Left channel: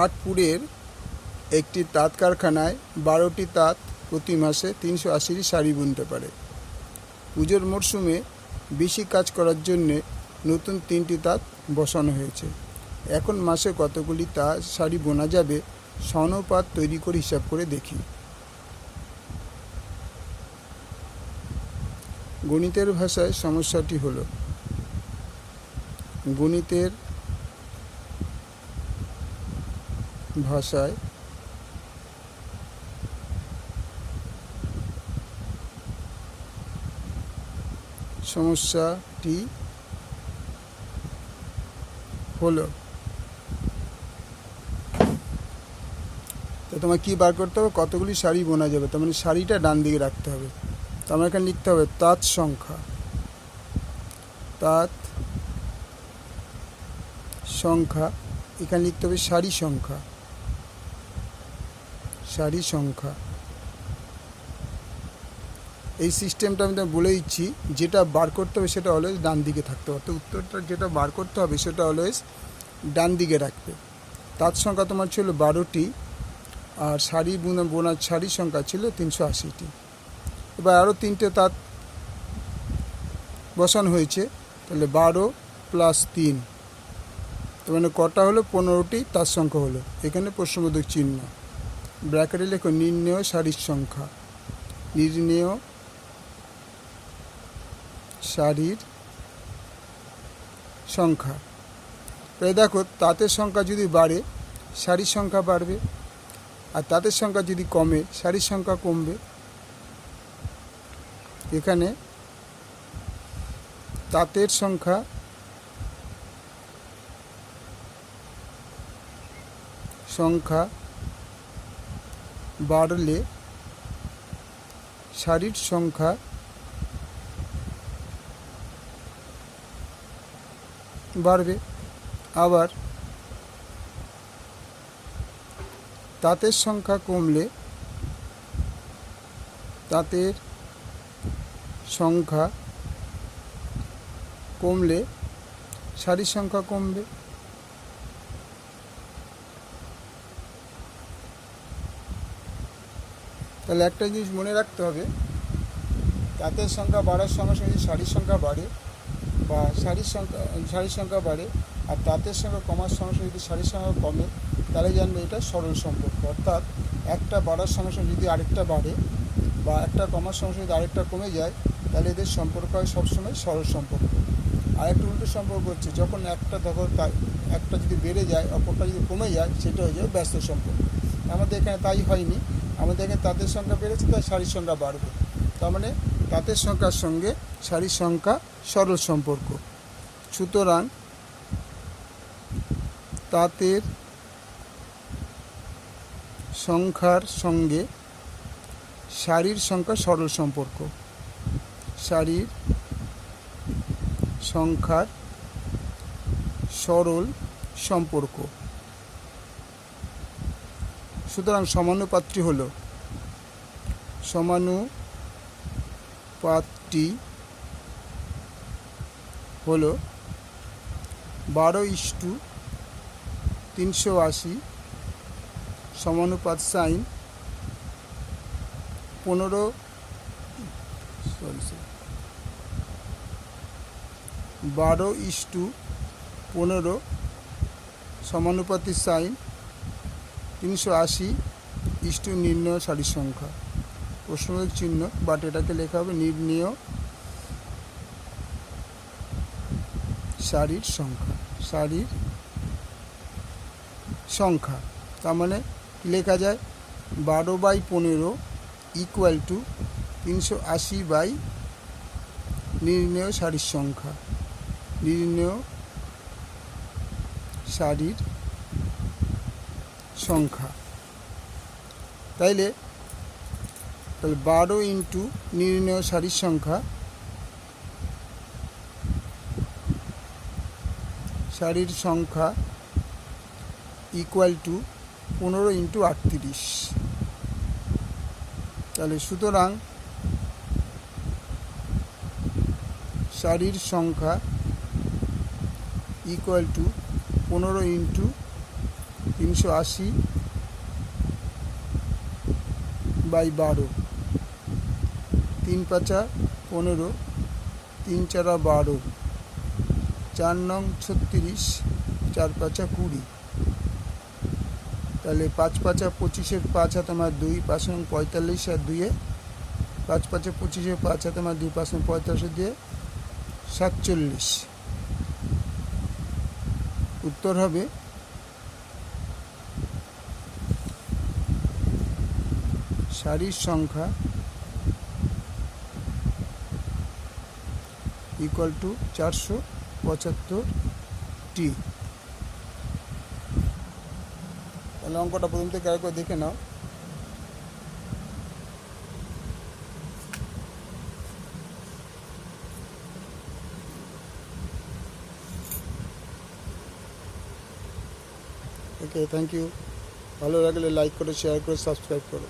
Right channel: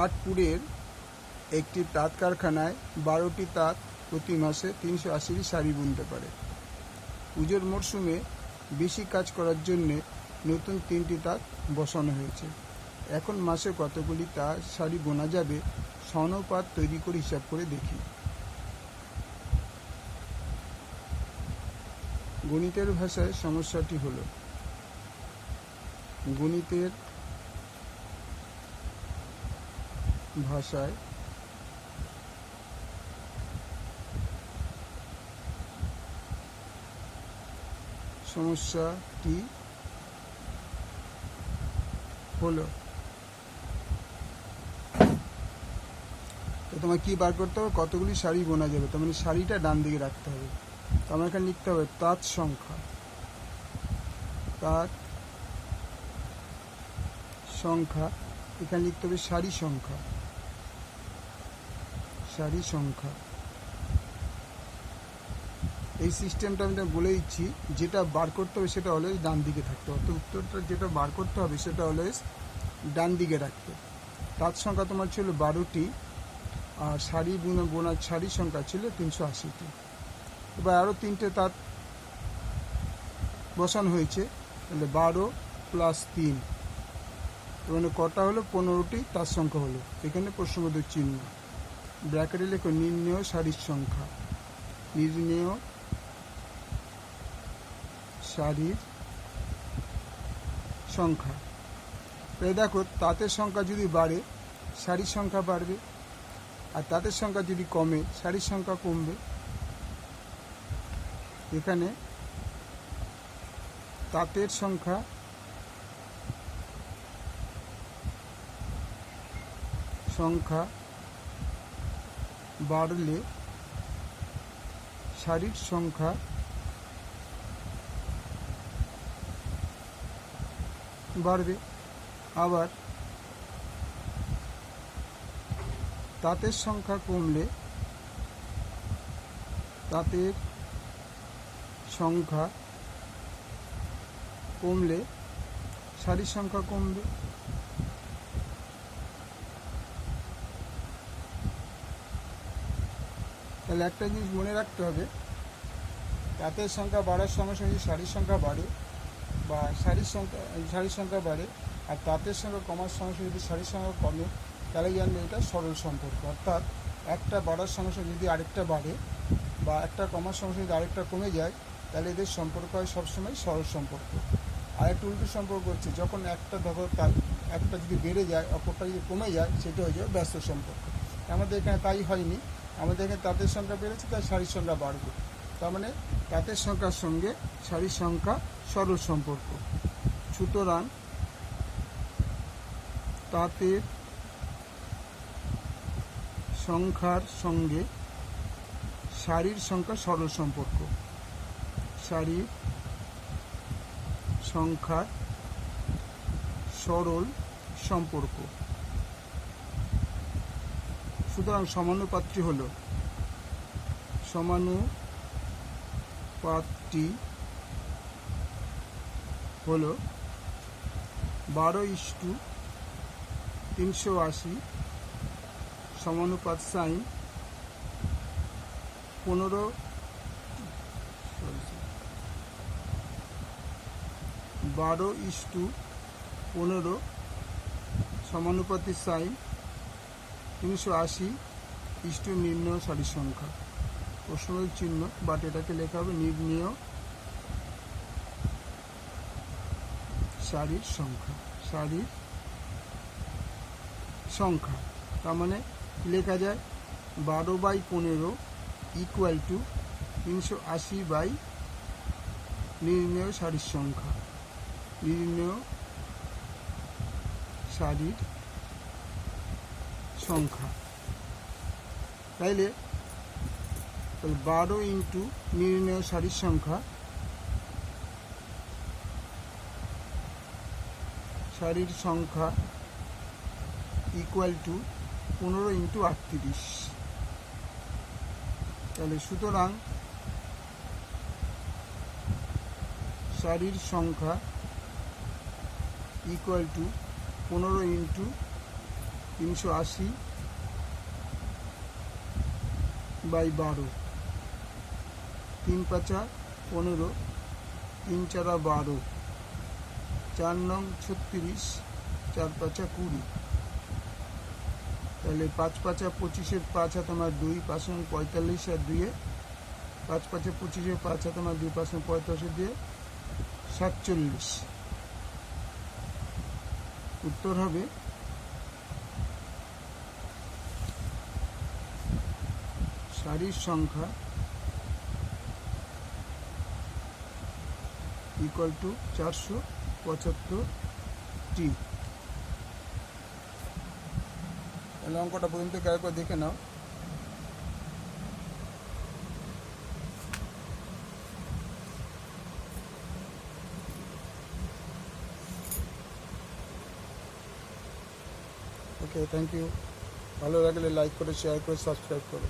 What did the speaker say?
আটপুরের একটি তাঁত কারখানায় 12টি তাঁত প্রতি মাসে 380টি শাড়ি বুনতে পারে। পুজোর মরশুমে বেশি কাজ করার জন্যে নতুন 3টি তাঁত বসানো হয়েছে। এখন মাসে কতগুলি শাড়ি বোনা যাবে সমানুপাত তৈরি করে হিসাব করে দেখি। গণিতের ভাষায় সমস্যাটি হলো, গণিতের ভাষায় সমস্যাটি হলো, তো তোমার কী বার করতে হবে, কতগুলি শাড়ি বোনা যাবে, তার মানে শাড়িটা ডান দিকে রাখতে হবে। তো আমার এখানে লিখতে হবে তাঁত সংখ্যা, তাঁত সংখ্যা, এখানে লিখতে হবে শাড়ি সংখ্যা, শাড়ি সংখ্যা। এই সিস্টেমটা আমি বলে দিচ্ছি, যেটা বার করতে হবে সেটা অলওয়েজ ডান দিকে থাকতে হবে। তো উত্তরটা যেটা বার করতে হবে সেটা অলওয়েজ ডান দিকে রাখবে। তাঁত সংখ্যা তোমার ছিল 12টি, আর শাড়ি বোনার শাড়ির সংখ্যা ছিল 380টি। এবার আরও 3টে তাঁত বসানো হয়েছে, তাহলে 12 + 3, তার মানে কটা হলো, 15টি তাঁত সংখ্যা হলো। এখানে প্রশ্নবোধক চিহ্ন, ব্র্যাকেটে লেখো নির্ণেয় শাড়ির সংখ্যা, নির্ণেয় শাড়ির সংখ্যা। এই দেখো, তাঁতের সংখ্যা যদি বাড়ে শাড়ির সংখ্যা বাড়বে, আর তাঁতের সংখ্যা যদি কমে শাড়ির সংখ্যা কমবে। এখানে তাঁতের সংখ্যা বাড়লে শাড়ির সংখ্যা বাড়বে, আবার তাঁতের সংখ্যা কমলে তাঁতের সংখ্যা কমলে শাড়ির সংখ্যা কমবে। তাহলে একটা জিনিস মনে রাখতে হবে, তাঁতের সংখ্যা বাড়ার সঙ্গে সঙ্গে শাড়ির সংখ্যা বাড়ে, বা শাড়ির সংখ্যা বাড়ে, আর তাঁতের সংখ্যা কমার সঙ্গে সঙ্গে যদি শাড়ির সংখ্যা কমে, তাহলে জানবে এটা সরল সম্পর্ক। অর্থাৎ একটা বাড়ার সঙ্গে সঙ্গে যদি আরেকটা বাড়ে, বা একটা কমার সঙ্গে সঙ্গে যদি আরেকটা কমে যায়, তাহলে এদের সম্পর্ক হয় সবসময় সরল সম্পর্ক। আর একটা উল্টো সম্পর্ক হচ্ছে, যখন একটা একটা যদি বেড়ে যায় অপরটা যদি কমে যায়, সেটা হয়ে যাবে ব্যস্ত সম্পর্ক। আমাদের এখানে তাই হয়নি, আমাদের এখানে তাঁতের সংখ্যা বেড়েছে, তাই শাড়ির সংখ্যা বাড়বে। তার মানে তাঁতের সংখ্যার সঙ্গে শাড়ির সংখ্যা সরল সম্পর্ক। সুতরাং তাঁতের সংখ্যার সঙ্গে শাড়ির সংখ্যা সরল সম্পর্ক, শাড়ির সংখ্যার সরল সম্পর্ক। সুতরাং সমানুপাতটি হলো, সমানুপাতটি হলো 12:380 সমানুপাত সাইন 12:15 সমানুপাতি সাইন 380 নির্ণেয় শাড়ির সংখ্যা। প্রশ্নবোধক চিহ্ন, বাট এটাকে লেখা হবে নির্ণেয় শাড়ির সংখ্যা, শাড়ির সংখ্যা। তার মানে লেখা যায় 12/15 = 380 নির্ণেয় শাড়ির সংখ্যা, নির্ণেয় শাড়ির সংখ্যা। তাইলে 12 × নির্ণেয় শাড়ির সংখ্যা, শাড়ির সংখ্যা = 15 × 38। তাহলে সুতরাং শাড়ির সংখ্যা = 15 × 380 বাই 12, 3 পাঁচা 15, 3 চারা 12, 4 নং 36, 4 পাঁচা 20, তাহলে 5 পাঁচা 25-এর 5 হাতে আমার 2, 5 নং 45 আর 2-এ 5 পাঁচা 25-এর 5 হাতে আমার 2, 5 নং 45 দিয়ে 47। উত্তর হবে সারির সংখ্যা ইকুয়াল টু 475টি। তাহলে অঙ্কটা প্রথম থেকে আরেকবার দেখে নাও। ওকে, থ্যাংক ইউ। ভালো লাগলে লাইক করে, শেয়ার করে, সাবস্ক্রাইব করো।